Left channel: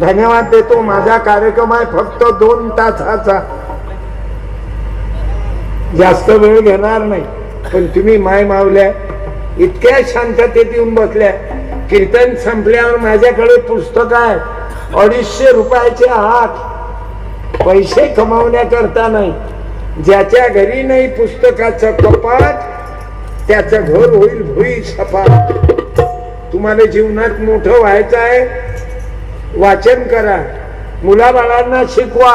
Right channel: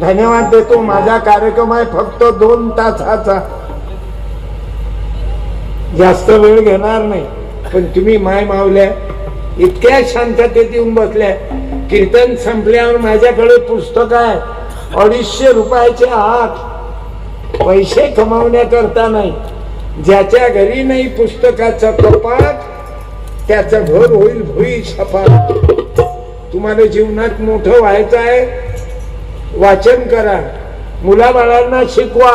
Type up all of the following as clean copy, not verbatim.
धन्यवाद देतो. माझा कार्यक्रम आहे फक्त 2 तासाचा, जास्त वेळ घेणार नाही. पण तुम्ही माय मावल्या इतक्या शांततेत येऊन बसल्या. कीर्तन संपल्यावर माझ्याकडे पुस्तक आहे 250 रुपयाचे हात. पैसे कमावण्याकरता नाही. ज्याच्या घरी नाही पुस्तकाचं कपाट त्याचं घर होईल भुई सपाट. तुम्हाला जीवनात मोठं व्हायचं आहे, वाचन करा. मुलाबाळांना शिकवा,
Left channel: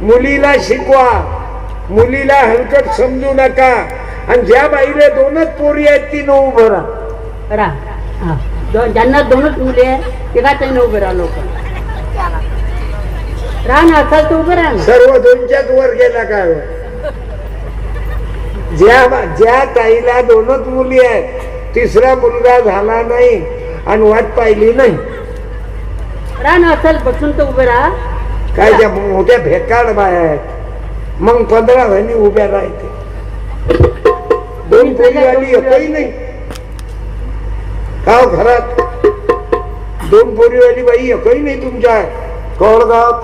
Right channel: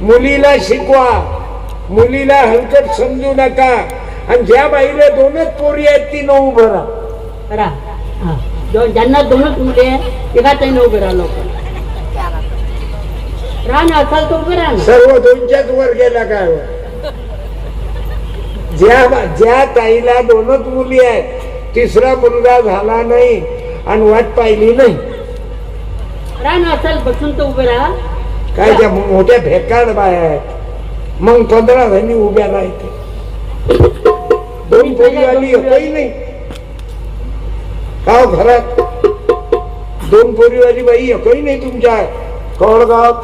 मुलीला शिकवा. मुलीला हलकट समजू नका. आणि ज्या बाईला 2च पोरी आहेत ती न उभं राहा. ज्यांना 2च मुले आहेत तेव्हा त्यांनी उभं राहा. लोक राहा ना, असं तर उभं राहा. सर्व 2च्याच वर गेला काय. ज्या ताईला 2च मुली आहेत, 3रा मुलगा झाला नाही आणि वाट पाहिली नाही, राहा ना, असल बसून तर उभं राहा. काय त्या मोठ्या भेकाड बाया आहेत. मग 15 जणी उभ्या राहते. 2 पोरीवाली एकही नाही का घरात. 2 पोरीवाली बाई एकही नाही तुमच्या कवळगावात.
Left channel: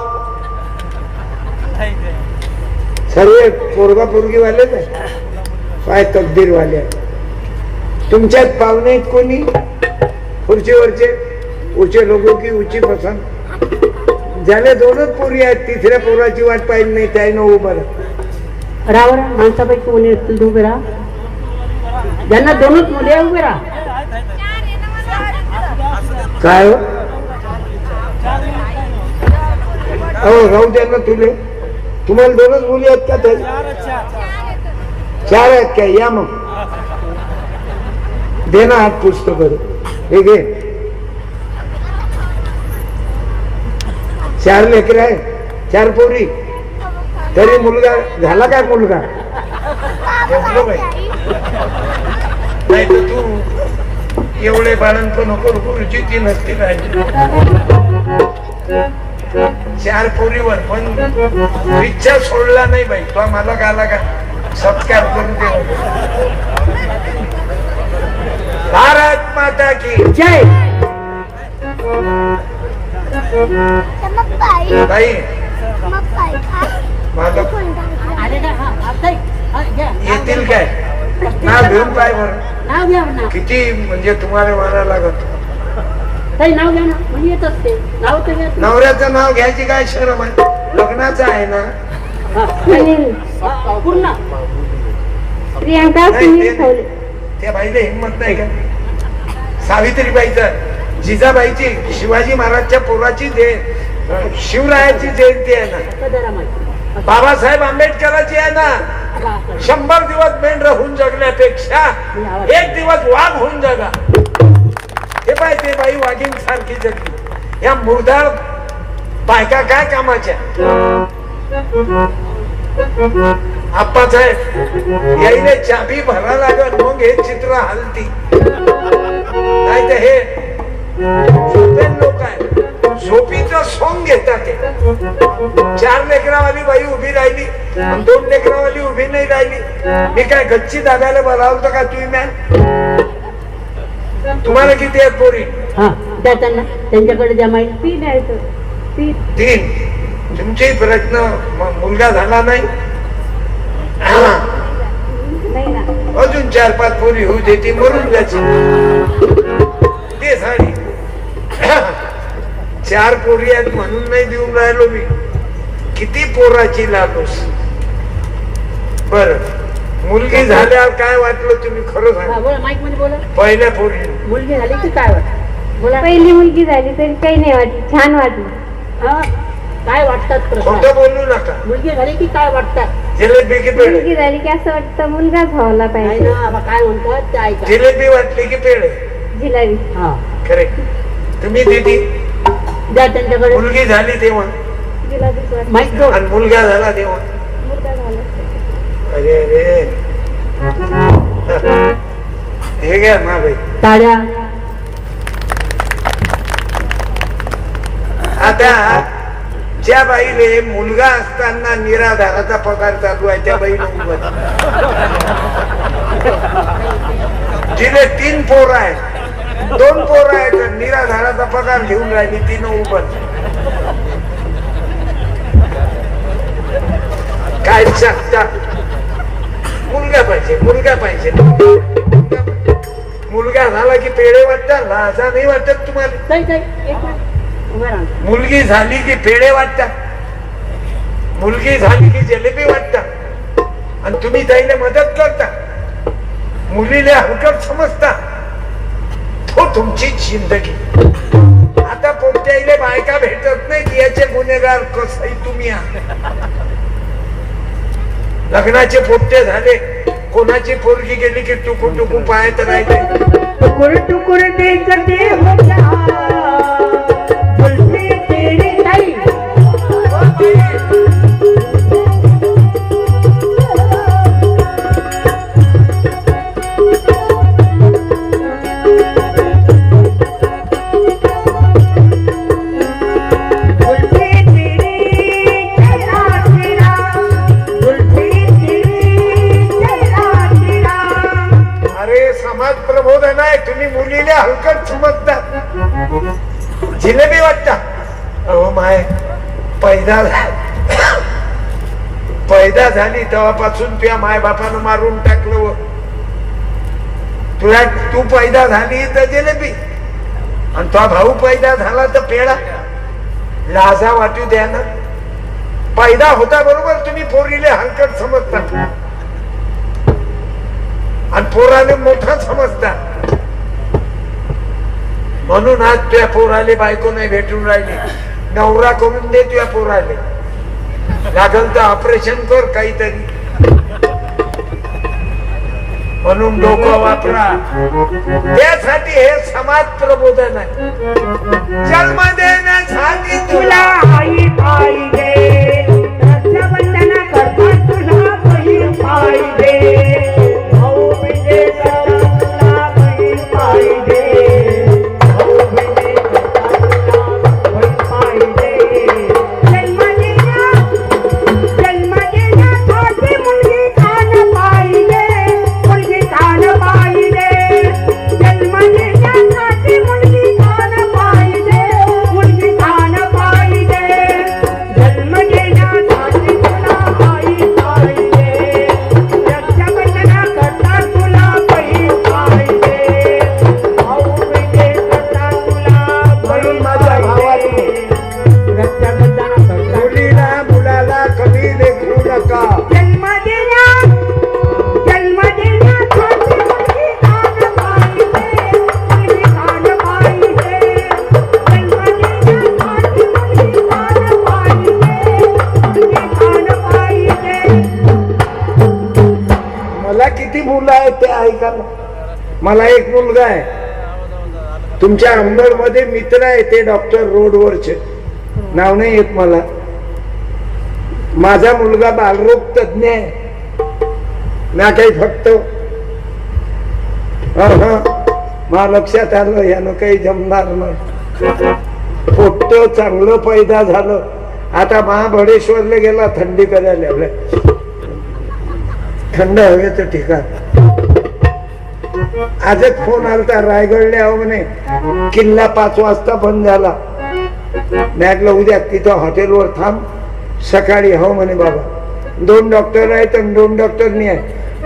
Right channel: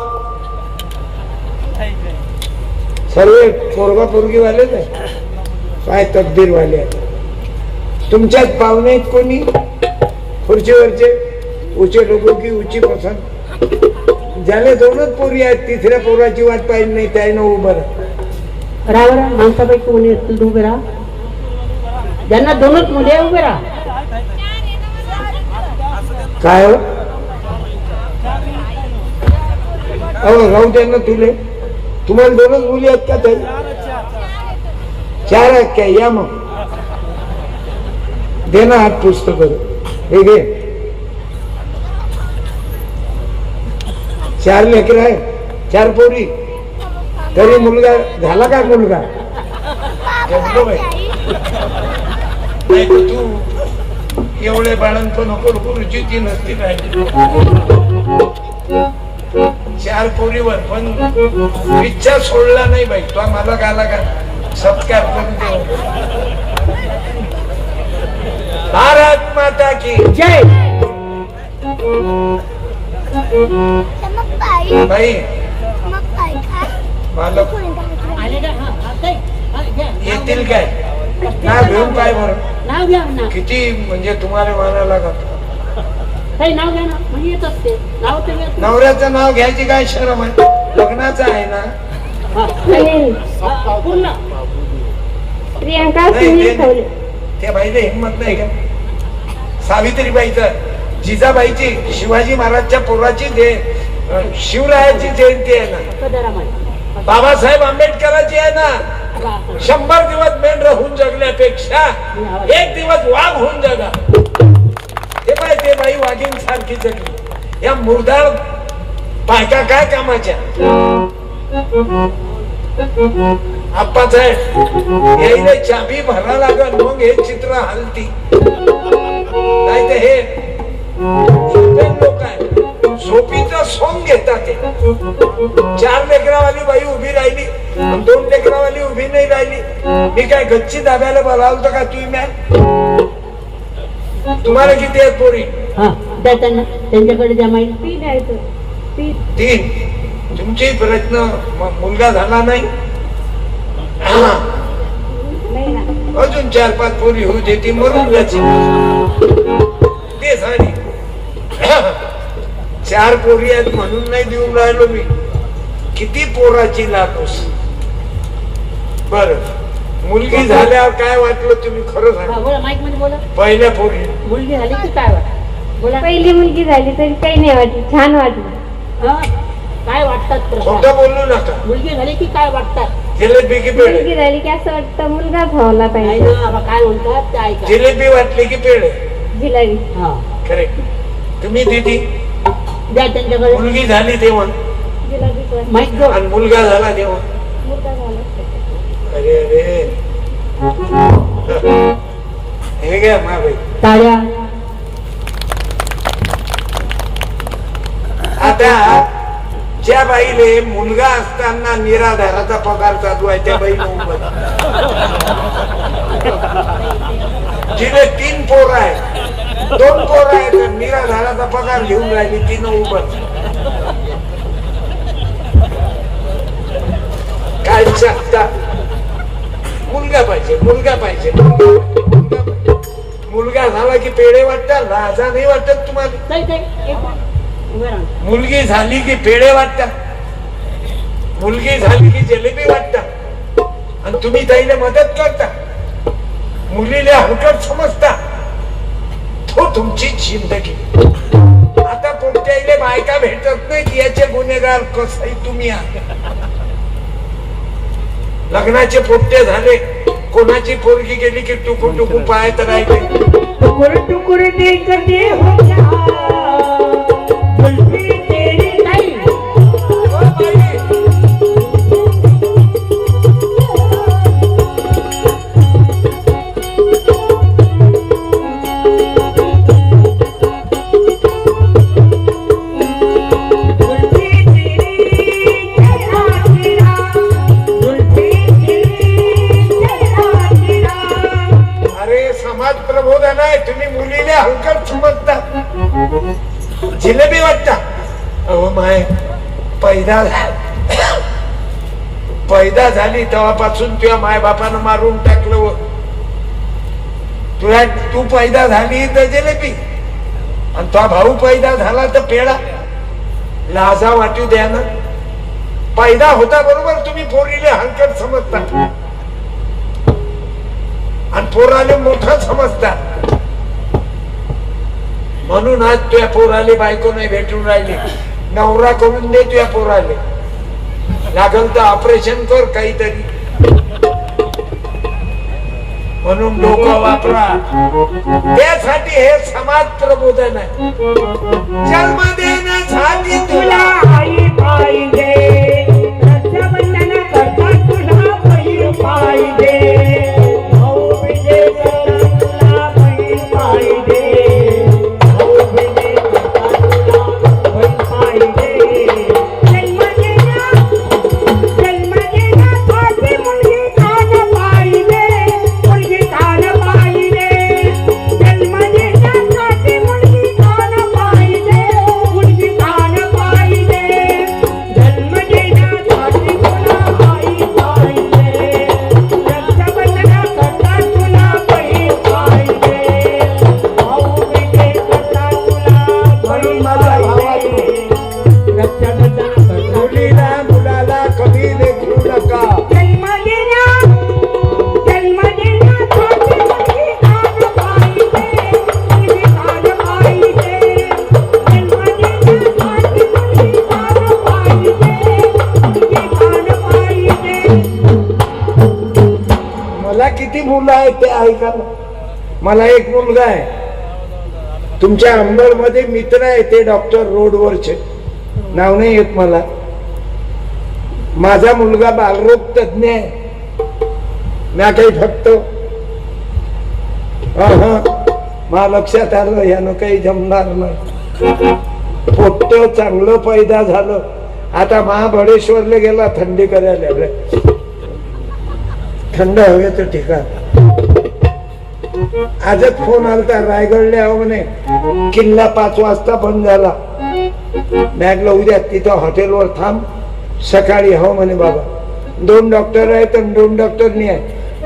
सर्व पोरगा पोरगीवालेच आहे. काय तकदीरवाले तुमच्यात पाहुणे कोणी खुर्चीवरचे उचे लोक की उची पसंत. ज्याला 2च पोरी आहेत, 3ऱ्या पोराची वाट पाहिली नाही त्यानं उभं राहा. माणसापैकी कोणी असतील उभे राहा. ज्यांना 2च मुले उभे राहा. काय राहू त्यांना तुले. तुम्हाला 2च मुली आहेत का? तरी 4 आहेत काय? या मग दे ना हात पुस्तक. हे घे. 4 लेकरे आहे, 4 पोरी. तरी मुलगा झाला काय? मुलगा नाही तर तू एवढे बाळांचं नको रुची नसते काय. 4 पोरीवर पण इच्छा सोडला नाही बाई. तो मला गाला का सत्कार करून दे. भारत माता की जय. बाई येतील काय? नाव घेऊन काय बरं? नाव घ्या ना. किती म्हणजे तुम्हाला मारा लागत. काही नाव घ्या ना, म्हणजे येत असते नाव. नवऱ्याचं नाव घ्यायची काय शरम आहे? लग्नाचं आहे ना. पूर्ण त्या बाईला हिंमत नाही का? सावित्रीबाईचं, जिजाबाईची, शिवाजी महाराजच्या पोराची शिवरायाची जयंती आहे ना. बाबासाहेब आंबेडकरांची आहे ना. 100 दिवस मेंढर होऊन जगण्यापेक्षा 1 दिवस वाघ होऊन जगा. ते बाई वाघीण सारखी जगली. या मुर्दार बायका काय कामाच्या? आप्पासाहेब याईने चाबी भरा लागल मग हे चित्र हलती. नाही तर हे लोक आहे झोपीचं सोंग घेतात. 4 लेकरावाली बाई उभी राहिली, 2 लेकरावाली उभी नाही राहिली. मी काय गच्ची दाब्याला बोलावलं का तुम्ही? मॅम तुम्हाला किती आहेत पोरी? त्यांच्याकडे द्या माहिती. 3. तुमचे प्रयत्न मुलगा झाला नाही. अजून 4-5 पोरी होऊ दे. ती मरून द्यायची ते साडी. 4 पोरी आहेत म्हणून नाही देऊन राहिलो मी. किती पोराची लागोस. बर मुलगी झाल्यावर काय वाटलं तुम्ही खरं सांगा? पहिल्या पोरी मुलगी झाली की काय वाटत? पहिली मुलगी झाली तरी काही नाही वाटली, छान वाटली. काय वाटतात? खोटं बोलू नका. मुलगी झाली की काय वाटतात? जिलेबी की पेढे? मुलगी झाली की असं वाटतं मुलगा झाला पाहिजे. काय म्हणतात ते ऐका. जिलेबी वाटली की पेढे? जिलेबी. करेक्ट. तुम्ही दिदी द्या त्यांच्याकडे. मुलगी झाली तेव्हा? जिलेबी. आणि मुलगा झाला तेव्हा? मुलगा झाला. अरे रे हे घ्या ना बाई. टाळ्या. आता ज्या बाईले मुलगा असताना निराधाराचा पगार चालू आहे त्या बाईनं उभं, जिने 3 पोरं आहे, 2 पोरं आहेत, निराधाराचा पगार घेऊन राहिली, तिनं उभं. काय शकता? मुलगा पाहिजे, मुलगा पाहिजे, मुलगा झाला की पेढे वाटतात, लाजा नाही वाटत तुम्हाला? ताई ताई एक मिनिट उभं राहा. मुलगी झाली की पेढे वाटतात, मुलगी झाली की जलेबी वाटतात, आणि तुम्ही ताईला मदत करता, मुलीला हलकट समजता. तो तुमची जिंदगी. आता पोट्याईले बायका भेटत नाही याचे गुन्हेगार कसंही तुम्ही आहात. लग्नाचे पोट्टे झाले, कोणाची पोरगी गेली की टुकू टुकू पायात राहिले. टुकुर टुकुर देखते होता जुल्फे तेरे ताई. प्रबोधन आहे, तुम्ही मुलीला हलकट समजता, जिलेबी वाटता. अहो माय, पैदा झाली तेव्हापासून तुझ्या माय बापानं मारून टाकलं. तुला तू पैदा झाली तर जिलेबी, आणि तुझा भाऊ पैदा झाला तर पेढा. लाजा वाटू द्या ना. पैदा होता बरोबर तुम्ही पोरीला हलकट समजता आणि पोराले मोठं समजता. म्हणून आज तुझ्या पोराले बायको नाही भेटून राहिली. नवरा करून दे तुझ्या पोराले, लागल तर ऑपरेशन कर काहीतरी. म्हणून डोकं वापरा. त्यासाठी हे समाज प्रबोधन आहे. जन्म देण्यासाठी तुला आई पाहिजे, रक्षाबंधन करता तुला बहीण पाहिजे. मला एक मुलगा आहे तुमच्या अंबड मध्ये, मित्र आहे ते डॉक्टर रोडवरचे, नाव नाही येत मला. माझा मुलगा बालरोग तज्ञ आहे ना. काही फक्त मला लक्षात आलं यानं काही जमणार नाही. पोट्ट चांगलं पैदा झालं. आता महाबळेश्वरला गेला थंडी करायला, थंड हवेचं ठिकाण. आजच फोन आलता रायगडला आहो म्हणे, किल्ला 5 वाजता बंद झाला. म्हटलं उद्या तिथं हॉटेलवर थांब, सकाळी हो म्हणे. बाबा 2 डॉक्टर आहेत आणि 2 डॉक्टरनी आहे.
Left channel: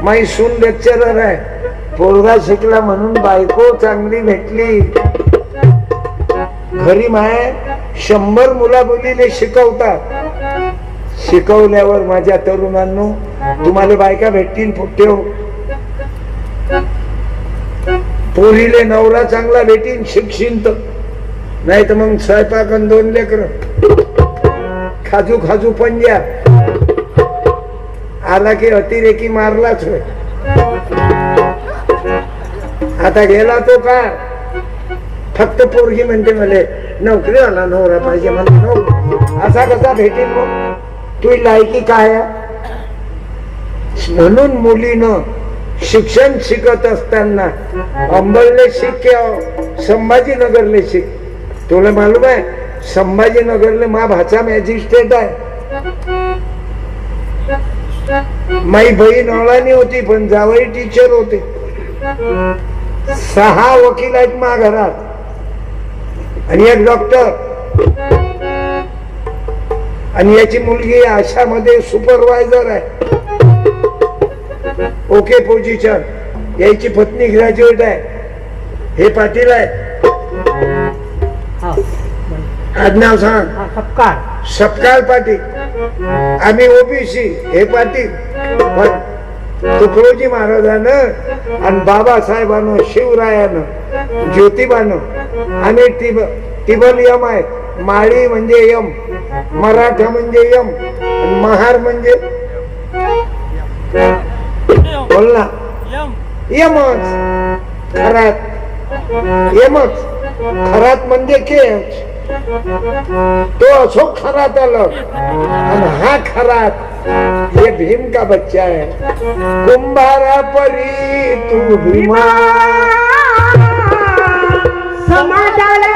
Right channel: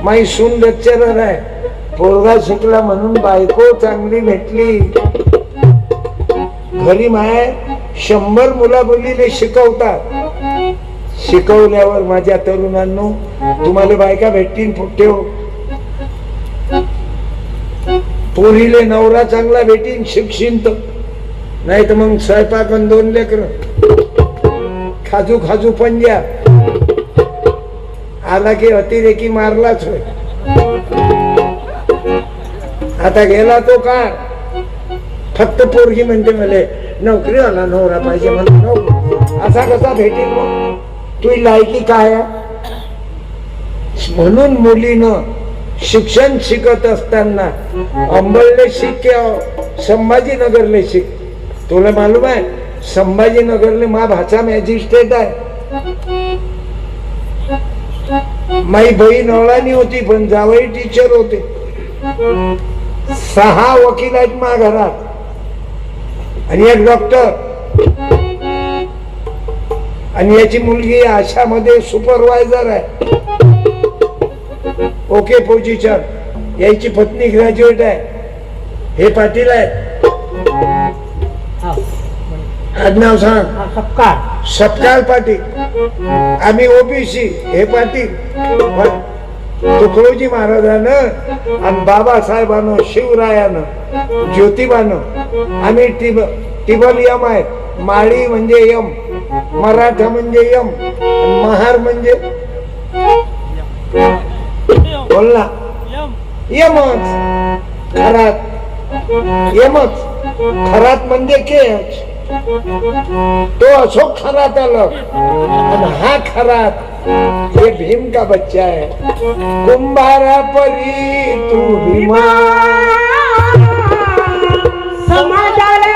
माई सून लेक्चरर आहे. पोरगा शिकला म्हणून बायको चांगली भेटली. घरी माय 100 मुला मुलीने शिकवतात. शिकवल्यावर माझ्या तरुणांनो तुम्हाला बायका भेटतील फुटते. पोरीले नवरा चांगला भेटीन शिक्षिन तर, नाही तर मग स्वयंपाक 2 लेकर खाजू खाजू पंजा आला की अतिरेकी मारलाच होय. आता गेला तो का फक्त पोरगी म्हणते मला नोकरी आला नवरा पाहिजे मला. असा कसा भेटेल? तुझी लायकी काय आहे? म्हणून मुलीनं शिक्षण शिकत असताना अंबरले शिक किंवा संभाजीनगरले शिक. तुला मालूम आहे संभाजीनगरले मा भाचा मॅजिस्ट्रेट आहे. माई बहीण अळानी होती पण जावई टीचर होते. 6 वकील आहेत मा घरात आणि एक डॉक्टर आणि याची मुलगी आशामध्ये सुपरवायझर आहे. Okay position. याची पत्नी ग्रॅज्युएट आहे. हे पाटील आहे. आडनाव सांग. सपकाळ. सपकाळ पाटील. आम्ही ओबीसी. हे पाटील. तुकडोजी महाराजानं आणि बाबासाहेबानं शिवरायानं ज्योतिबानं आम्ही टिबल यम आहे. माळी म्हणजे यम, मराठा म्हणजे यम, महार म्हणजे बोल ना यमच. खरात यमच. खरात म्हणजे केच. तो असो खरात आलं आणि हा खरात ये भीम का बच्चा है. कुंभारा परी तू भीमा समाजाला